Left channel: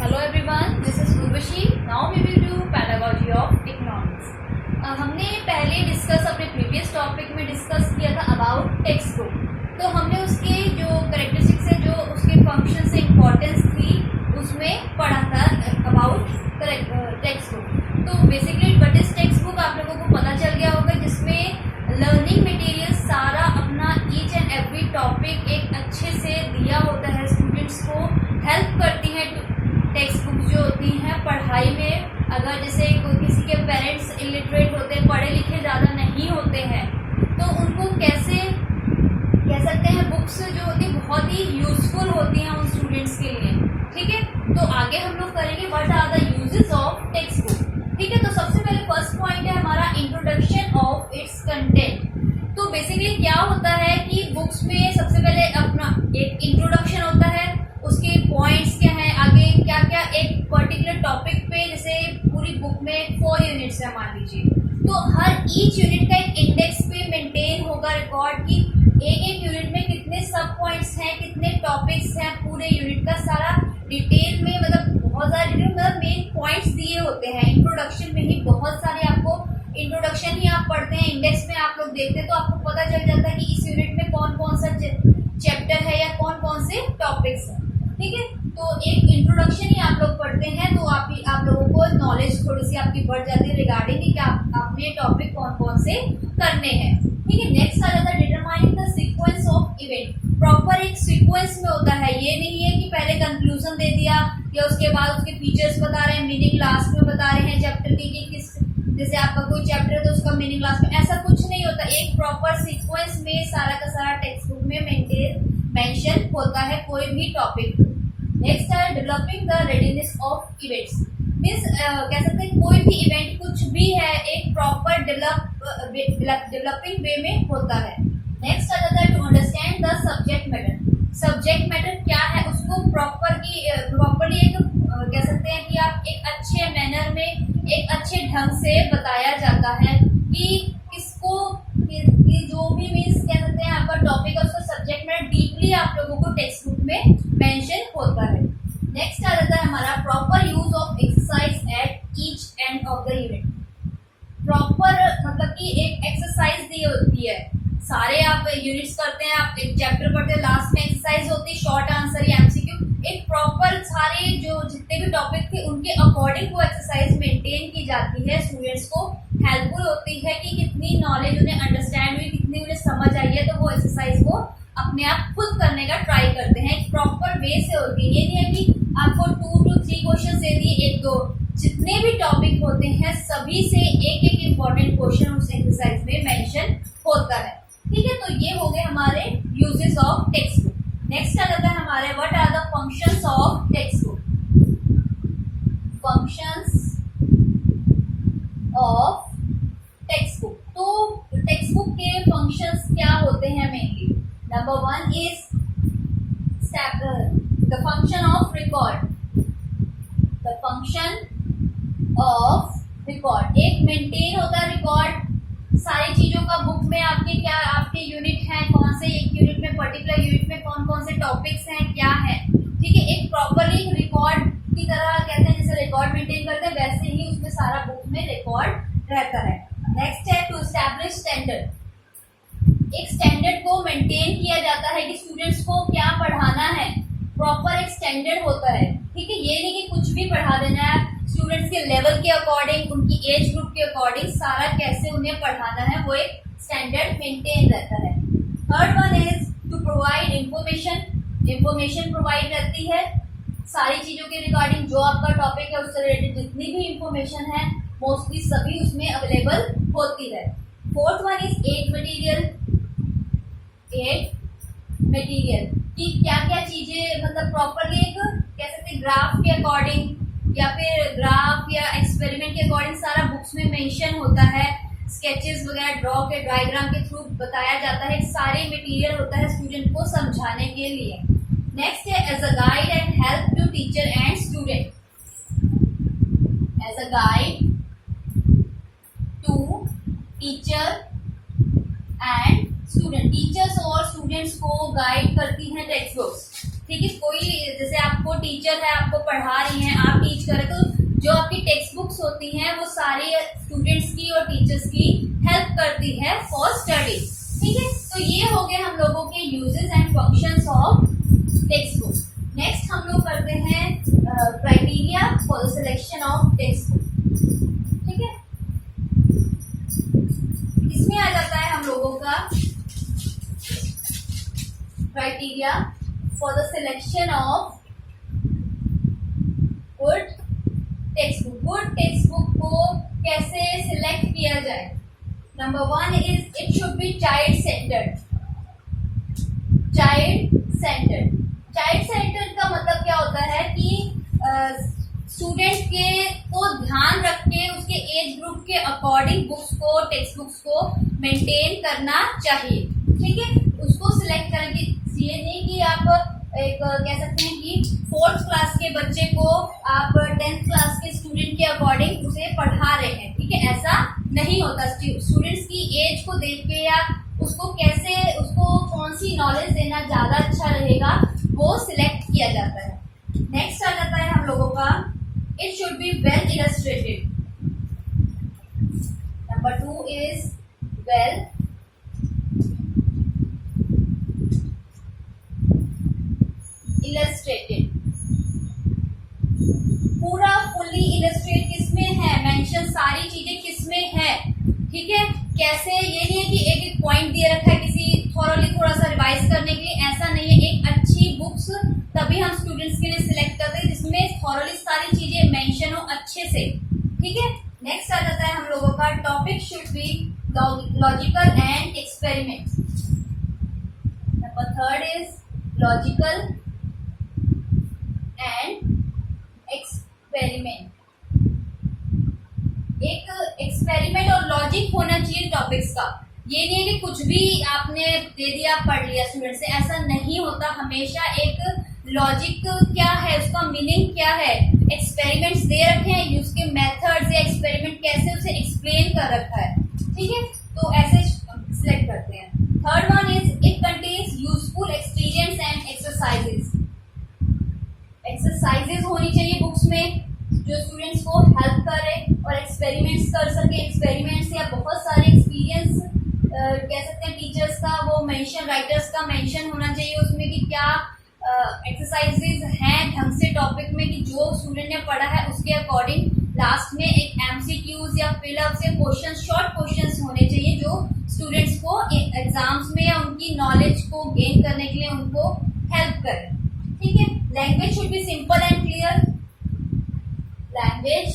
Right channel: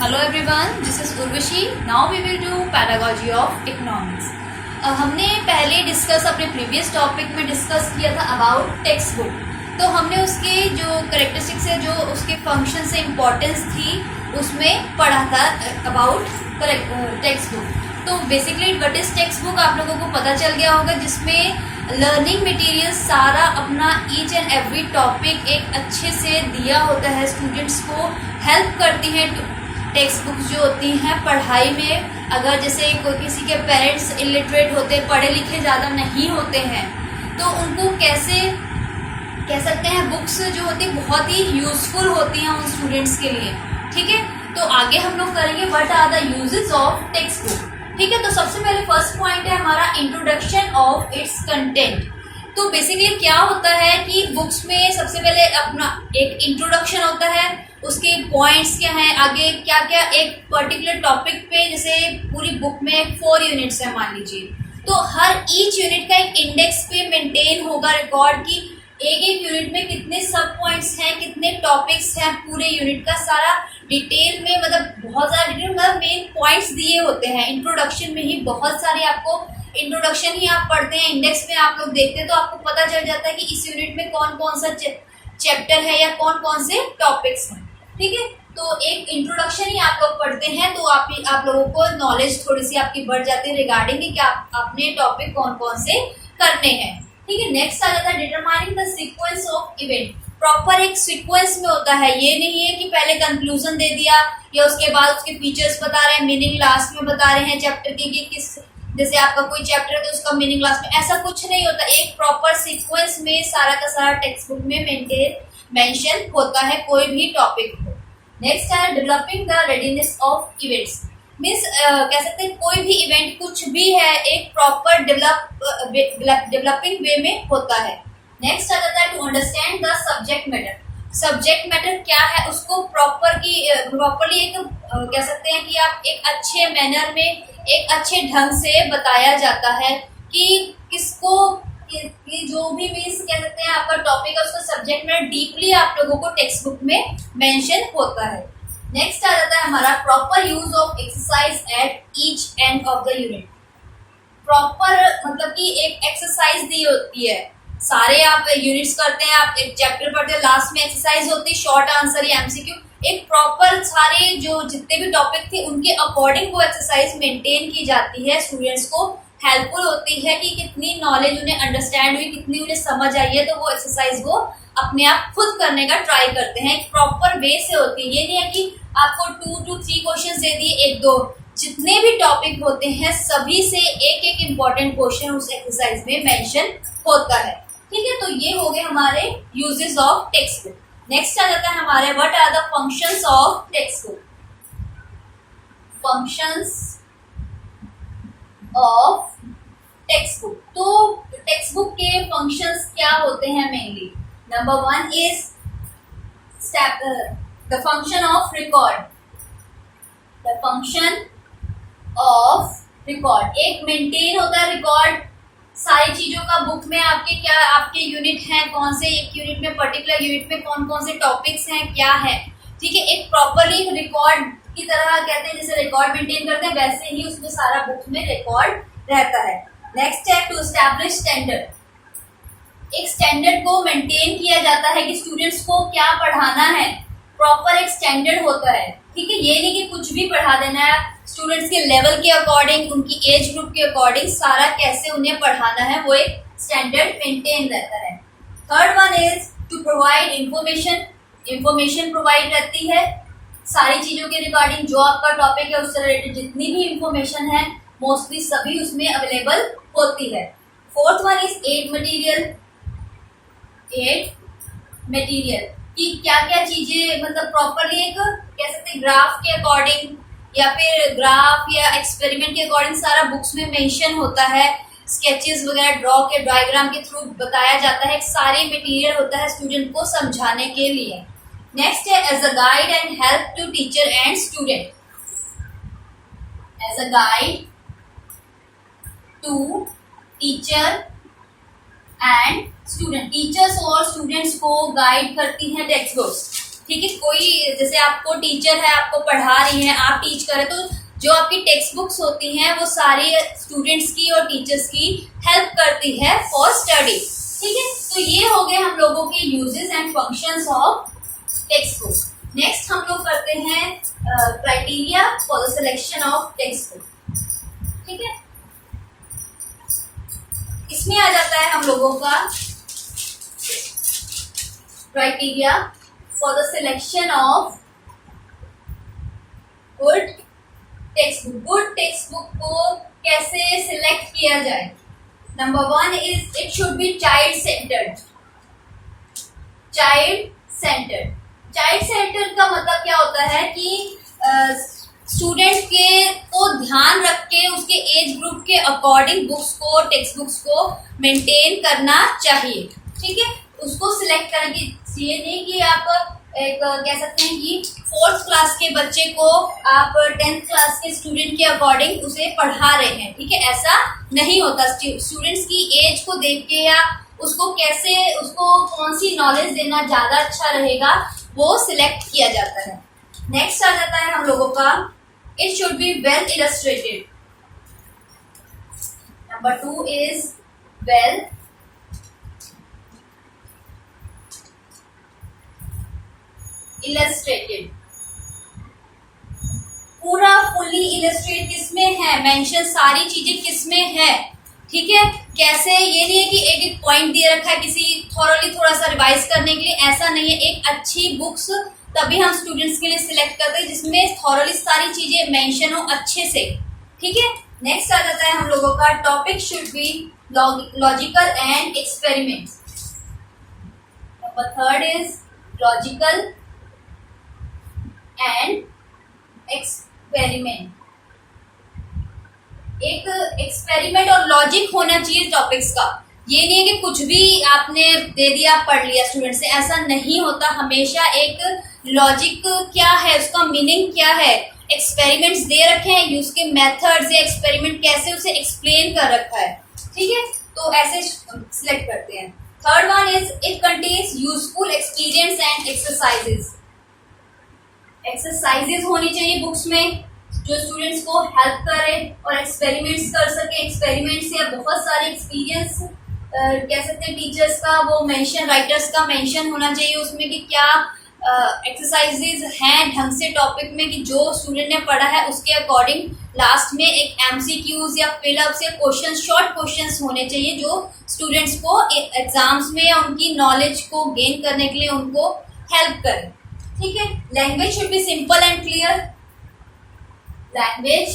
Hello everyone, this is Urvashi. Now we will do pedagogy of economics. हमने पहले discuss अपने previous topic में discuss किया था अबाउट टेक्स्ट बुक. तो हमने उसके जो करेक्टरिस्टिक्स है, जो उसके फंक्शन से इम्पोर्टेंस थी, उसमें पढ़ा था अबाउट टेक्स्ट बुक. तो basically what is text book आप लोगों को पता चल गया होगा, जिसमें लर्निंग मटेरियल सारा अपना ईच एंड एवरी टॉपिक एक अच्छे से दिया होता है. स्टूडेंट्स को हेल्प करती है टेक्स्ट बुक्स जो होती हैं पढ़ाई में. अगर जैसे कोई किसी के पेरेंट्स इलिटरेट होते हैं, पढ़े लिखे ज़्यादा नहीं होते हैं, तो उनको कैसे कह सकते हैं, बुक्स जो होती है बहुत ही यूज़फुल होती हैं उन स्टूडेंट्स के लिए. ठीक है, तो आगे हम लोग करेंगे what are the uses of textbook. ठीक है, तो सबसे पहले फर्स्ट पॉइंट है हमारा इंट्रोडक्शन ऑफ इट्स कंटेंट. तो बेसिकली क्या होता है कि बुक्स में सबसे पहले अपना एक इंट्रोडक्शन होता है, उसके पॉइंट्स क्या हैं, आगे क्या क्या एक पर्टिकुलर टॉपिक पे, जैसे पूरी बुक में 4 यूनिट्स है मान लीजिए, तो हर ईच यूनिट का एक इंडेक्स पे मेंटेन होगा रिकॉर्ड की एक यूनिट में कितने सब पॉइंट्स हैं, कितने टॉपिक्स हैं, पूरे यूनिट का सारा डिटेल में, मतलब बहुत ज़्यादा डिटेल, मतलब मेन पॉइंट्स दिए होते हैं. इंट्रोडक्शन में ही बहुत सारे आपको इंट्रोडक्शन ही आप पढ़ते हैं, इंडेक्स में आप लोग देखते हैं तो आपको पता चल जाता है कि इस यूनिट में कौन कौन सा चैप्टर है या कौन कौन से टॉपिक्स हैं. ठीक है, तो एक इंट्रोडक्शन ही आप लोग पढ़ते हैं तो आप लोगों को नॉलेज थोड़ी सी आपकी बढ़ जाती है रिगार्डिंग कि आपने टॉपिक कौन कौन से करने हैं. ठीक है, नेक्स्ट आ जाता है determining the sequence of event. Proper एक सीक्वेंस में होता है, ये नहीं है कि पहले कंक्लूजन दे दिया या उसके बाद उसके फीचर्स बता रहे हैं, मीनिंग लास्ट में बता रहे हैं चैप्टर की कि किस, जैसे आपका कोई चैप्टर है तो उसका मीनिंग लास्ट में, ऐसा कुछ नहीं होता. एक प्रॉपर सीक्वेंस में सारा का सारा टेक्स्ट बुक में मेंशन होता है कोई भी टॉपिक हो. नेक्स्ट है developing the readiness of events. Means कह सकते हैं कोई भी इवेंट कुछ भी है एक प्रॉपर डेवलपिंग वे में होता है. नेक्स्ट आ जाता है to understand the subject matter. Subject matter क्या है उसको प्रॉपरली एक कह सकते हैं कि आप एक अच्छे मैनर में, एक अच्छे ढंग से बताया जाता है कि किसको कि जो भी मीन्स कह सकते हैं आपका टॉपिक है उसका सब्जेक्ट मैटर डीपली आप लोगों को टेक्स्ट बुक में मेंशन होता है. नेक्स्ट आ जाता है हमारा proper use of exercise at each end of the unit. Proper मतलब कि एक एक्सरसाइज दी होती है, सारे आप यूनिट्स करते हैं, आप एक चैप्टर पढ़ते हैं, लास्ट में एक्सरसाइज होती है, शॉर्ट आंसर या एमसीक्यू, एक प्रॉपर सारे जो जितने भी टॉपिक थे उनके अकॉर्डिंग वो एक्सरसाइज मेंटेन की जाती है. स्टूडेंट्स को हेल्पफुल होती है कि कितनी नॉलेज उन्हें अंडरस्टैंड हुई, कितनी उन्हें समझ आई है, तो वो एक्सरसाइज वो अपने आप खुद करने का ट्राई करते हैं. एक प्रॉपर वे से होती है, ये नहीं है कि आपको 2 to 3 क्वेश्चन दे दिए, 1-2, जितने भी टॉपिक होते हैं सभी से एक एक इम्पॉर्टेंट क्वेश्चन उस एक्सरसाइज में मेंशन होता है. ठीक है, तो ये हो गए हमारे uses of textbook. Next आ जाता है हमारे what are the functions of textbook. Functions of textbook. तो टेक्स्ट बुक के फंक्शंस क्या होते हैं mainly. Number 1 is the function of record. The function of record, एक मेंटेन होता है रिकॉर्ड सारी चीज़ों का बुक में, आपके क्या आपके यूनिट हैं, कौन से एक यूनिट में, पर्टिकुलर यूनिट में कौन कौन से टॉपिक्स हैं, क्या है. ठीक है, एक प्रॉपरली रिकॉर्ड की तरह कहते हैं, जैसे रिकॉर्ड मेंटेन करते हैं वैसे ही उसमें सारा बुक में रिकॉर्ड रहता है. नेक्स्ट है टू एस्टैब्लिश स्टैंडर्ड. एक स्टैंडर्ड को मेंटेन किया जाता है कि स्टूडेंट्स को क्या पढ़ाना है, प्रॉपर एक स्टैंडर्ड होता है. ठीक है, ये नहीं कि कुछ भी पढ़ा देना है, स्टूडेंट्स के लेवल के अकॉर्डिंग, उनकी एज ग्रुप के अकॉर्डिंग सारा कैसे उन्हें पढ़ाना है वो एक स्टैंडर्ड मेंटेन रहता है. Third one is to provide information. Information provide रहती है सारी चीज़ों के रिगार्डिंग, जो आपका टॉपिक है उससे रिलेटेड जितनी भी इंफॉर्मेशन है मोस्टली सभी उसमें अवेलेबल होती है. Fourth one is aid material. Aid material कि क्या क्या चीज़ें, मतलब प्रॉपरली एक कह सकते हैं ग्राफ के अकॉर्डिंग या फिर ग्राफ या एक्सपेरिमेंट के अकॉर्डिंग सारा बुक्स में मेंशन होता है. स्केचेस वगैरह ड्रॉ के डायग्राम के थ्रू बताया जाता है, सारे मटेरियल होता है स्टूडेंट को समझाने के लिए. नेक्स्ट है as a guide and help to teacher and student. As a guide to teacher and student. Teachers और स्टूडेंट्स को गाइड करती हैं टेक्स्ट बुक्स. ठीक है, कोई जैसे आपको टीचर है, आपको पढ़ा रही हैं, आप टीच कर रहे, तो जो आपकी टेक्स्ट बुक्स होती हैं वो सारी स्टूडेंट्स की और टीचर्स की हेल्प करती है फॉर स्टडी। ठीक है, तो ये हो गए हम लोगों के uses and functions of textbook. Next हम लोग करते हैं criteria for the selection of textbook. ठीक है, इसमें आ जाता है हम लोगों का criteria for the selection of good text book. Good text book को कैसे सिलेक्ट किया जाए? Number 1 is it should be child centred. Child centred, child centred का मतलब क्या होता है कि स्टूडेंट के को ध्यान रख के उसके एज ग्रुप के अकॉर्डिंग बुक्स को, टेक्स्ट बुक्स को मेंटेन करना चाहिए। ठीक है, उसको सिलेक्ट करने की ये नहीं कि आप एक कह सकते हैं कि 4th क्लास के बच्चे को आप 10th क्लास के स्टूडेंट के अकॉर्डिंग उसे पढ़ा रहे हैं। ठीक है, ऐसा नहीं होता। स्टूडेंट्स की एज को देख के या उसको कैसे, उसको कौन सी नॉलेज देना ज़्यादा अच्छा रहेगा वो सिलेक्ट किया जाता है। नेक्स्ट आ जाता है हम लोगों का it should be well illustrated. Number 2 is well illustrated. पूरा फुली इलस्ट्रेट किसमें है, मेंशन सारी चीजें किसमें है। ठीक है, कैसे, ये नहीं है कि एक एक पॉइंट दिया रखा है किसी थॉरली थोड़ा सा रिवाइज करने के लिए, ऐसा नहीं है। एक अच्छी बुक्स तभी हम स्टूडेंट्स के लिए सिलेक्ट करते हैं जिसमें थॉरली सारी चीजें मेंशन हो अच्छे से। ठीक है, नेक्स्ट आ जाता है हम लोगों का topic should be logical and experiments. Number 3 is logical and experiment. एक एक्सपेरिमेंट और लॉजिक होना चाहिए टॉपिक्स का। ये नहीं है कि कुछ भी आपने दे दिया पढ़ लिया स्टूडेंट से, ऐसा नहीं होता। हमेशा एक लॉजिक क्या है, उसका मीनिंग क्या है, एक्सपेरिमेंट्स दे रखे हैं, उसके मेथड्स या एक्सपेरिमेंट कैसे उसे एक्सप्लेन कर रखा है। ठीक है, तो ऐसे सिलेक्ट करते हैं। 3rd one is it contains useful experience and exercises. Exercises होनी चाहिए बुक्स में जो स्टूडेंट्स को हेल्प करे और एक्सपेरिमेंट्स कर सके। एक्सपेरिमेंट्स या बहुत सारे एक्सपीरियंस कह सकते हैं टीचर्स का, वो मेंशन, राइटर्स का मेंशन होना चाहिए उसमें कि क्या एक्सरसाइजेज हैं ढंग से टॉपिक में, कि जो स्टूडेंट ने पढ़ा है उसके अकॉर्डिंग लास्ट में एक एमसीक्यूज या फिलअप्स या क्वेश्चन, शॉर्ट क्वेश्चंस होने चाहिए जो स्टूडेंट्स को एग्जाम्स में या उनकी नॉलेज को गेन करने के लिए उनको हेल्प करें। ठीक है, language should be simple and clear. Language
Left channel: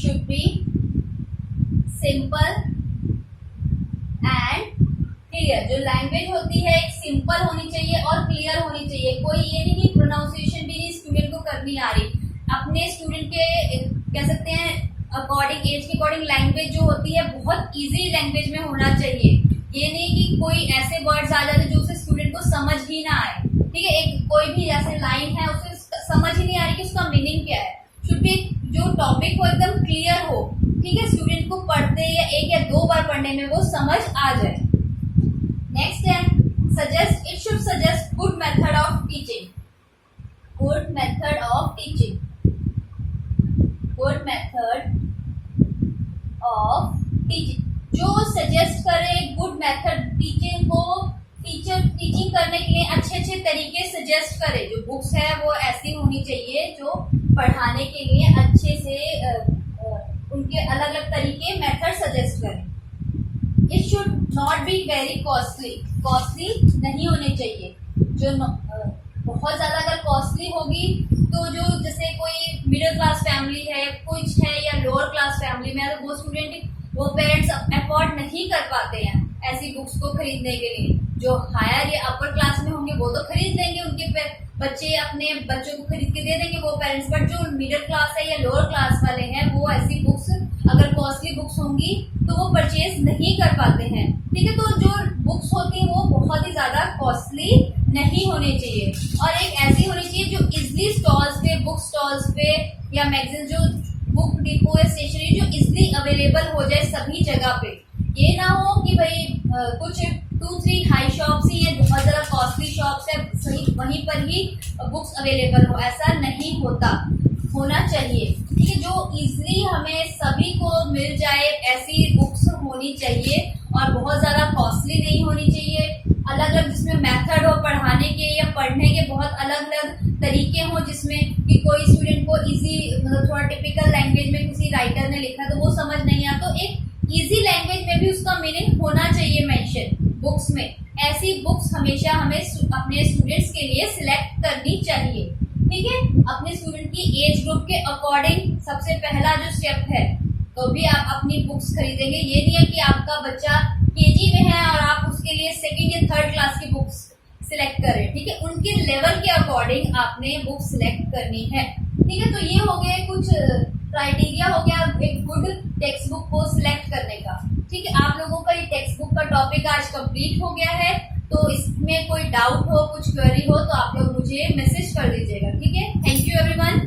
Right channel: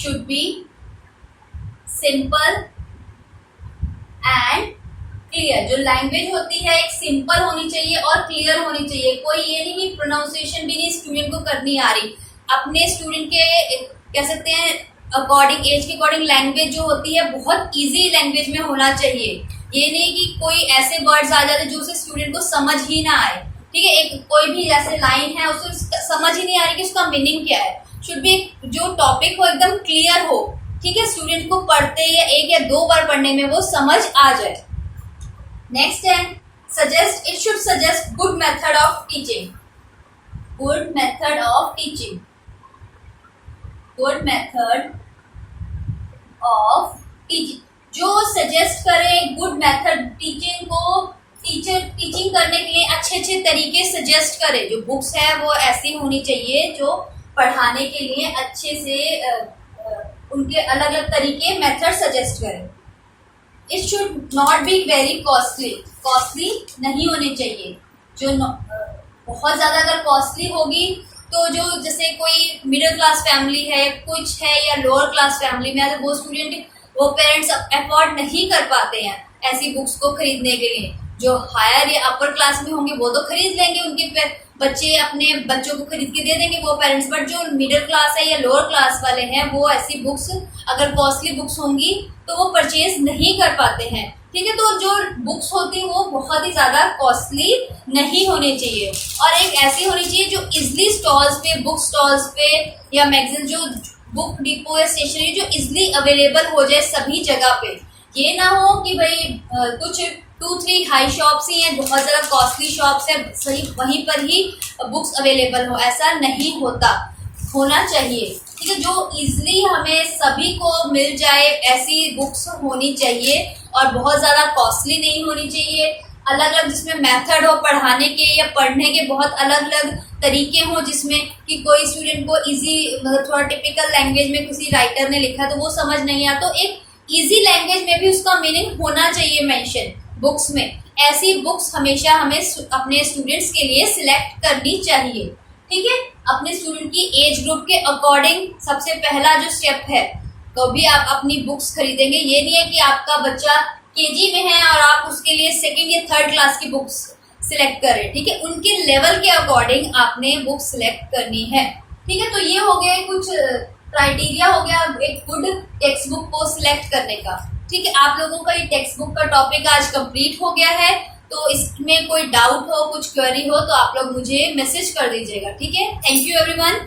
should be simple and clear. जो लैंग्वेज होती है एक सिंपल होनी चाहिए और क्लियर होनी चाहिए। कोई ये नहीं कि प्रोनाउंसिएशन भी नहीं स्टूडेंट को करनी आ रही। अपने स्टूडेंट के कह सकते हैं अकॉर्डिंग, एज के अकॉर्डिंग लैंग्वेज जो होती है बहुत इजी लैंग्वेज में होना चाहिए। ये नहीं कि कोई ऐसे वर्ड्स आ जाते जो उसे स्टूडेंट को समझ ही ना आए। ठीक है, एक कोई भी ऐसे लाइन है उसे समझ ही नहीं आ रही कि उसका मीनिंग क्या है। शुड बी जो टॉपिक हो एकदम क्लियर हो। ठीक है, स्टूडेंट को पढ़ते या 1 या 2 बार पढ़ने में वो समझ आ जाए। नेक्स्ट है suggest, it should suggest good method of teaching. Good method of teaching, good method of teaching, जो सजेस्ट करे गुड मेथड टीचिंग को, टीचिंग करने के लिए अच्छे अच्छे तरीके सजेस्ट करे। जो बुक्स है वो ऐसी होनी चाहिए जो पढ़ाने के लिए अच्छे से उनके अलग अलग तरीके, मेथड सजेस्ट करें। It should not be very costly, costly नहीं होने चाहिए। जो बहुत ज़्यादा अगर कॉस्टली होगी तो जो जैसे कोई मिडिल क्लास फैमिली है कुछ है या लोअर क्लास फैमिली में है तो वो स्टूडेंट, वो पेरेंट्स अफोर्ड नहीं कर पाते हैं ऐसी बुक्स को खरीदने के लिए। जो हायर या अपर क्लास में होंगे वो तो खरीद लेंगे, उनके बच्चे अपने बच्चों को खरीद के दे देंगे वो पेरेंट्स। बट जो मिडिल क्लास है या लोअर क्लास वाले हैं वो ऐसी बुक्स अगर कॉस्टली बुक्स होंगी तो वो परचेज नहीं कर पाते हैं। ठीक है, तो जो बुक्स होती हैं वो बहुत ही ज़्यादा कॉस्टली नहीं होनी चाहिए और एक ऐसी होनी चाहिए जो इजली स्टॉल्स पे, बुक स्टॉल्स पे या मैगजीन, जो बुक डिपो या स्टेशनरी जो इजली अवेलेबल हो जाए सभी जगह पे। ये ना हो कि भाई कुछ 2-3 हाई शॉप्स ही हैं, बहुत ज़्यादा कॉस्टली शॉप्स हैं, सही वहीं पर ही बुक्स अवेलेबल हो, ऐसा नहीं होना चाहिए। ठीक है, जो इजीली हमें सभी को मिल जाए ऐसी बुक्स होनी चाहिए और बहुत ज़्यादा कॉस्टली नहीं होनी चाहिए। अलग अलग जिसमें मेथड हो पढ़ाने के या पढ़ने के, बहुत अलग अलग तरीके हों, जिसमें कि कोई स्टूडेंट को इजी मतलब थोड़ा टिपिकल लैंग्वेज में किसी राइटर ने लिखा तो वो समझ नहीं आता, तो एक इजी लैंग्वेज में भी उसका मीनिंग होना चाहिए मेंशन बुक्स में। ऐसी बुक्स हमेशा हमें अपने स्टूडेंट्स के लिए सिलेक्ट करनी चाहिए। ठीक है, अपने स्टूडेंट की एज ग्रुप के अकॉर्डिंग सबसे पहला जो स्टेप है, कभी आप अपनी बुक्स खरीदेंगे, ये नहीं है कि आपका बच्चा केजी में है और आप उसके लिए सेकंड या थर्ड क्लास की बुक्स सिलेक्ट करें। ठीक है, उनके लेवल के अकॉर्डिंग आपने बुक सिलेक्ट करनी है। ठीक है, तो ये हो गया कुछ क्राइटेरिया हो गया एक गुड टेक्स्ट बुक को सिलेक्ट करने का। ठीक है, आप लोगों का ये टेक्स्ट बुक का टॉपिक आज कंप्लीट हो गया है। तो इसमें कोई डाउट हो, कुछ क्वेरी हो तो आप लोग मुझे मैसेज कर दीजिएगा। ठीक है, थैंक यू एवरीवन।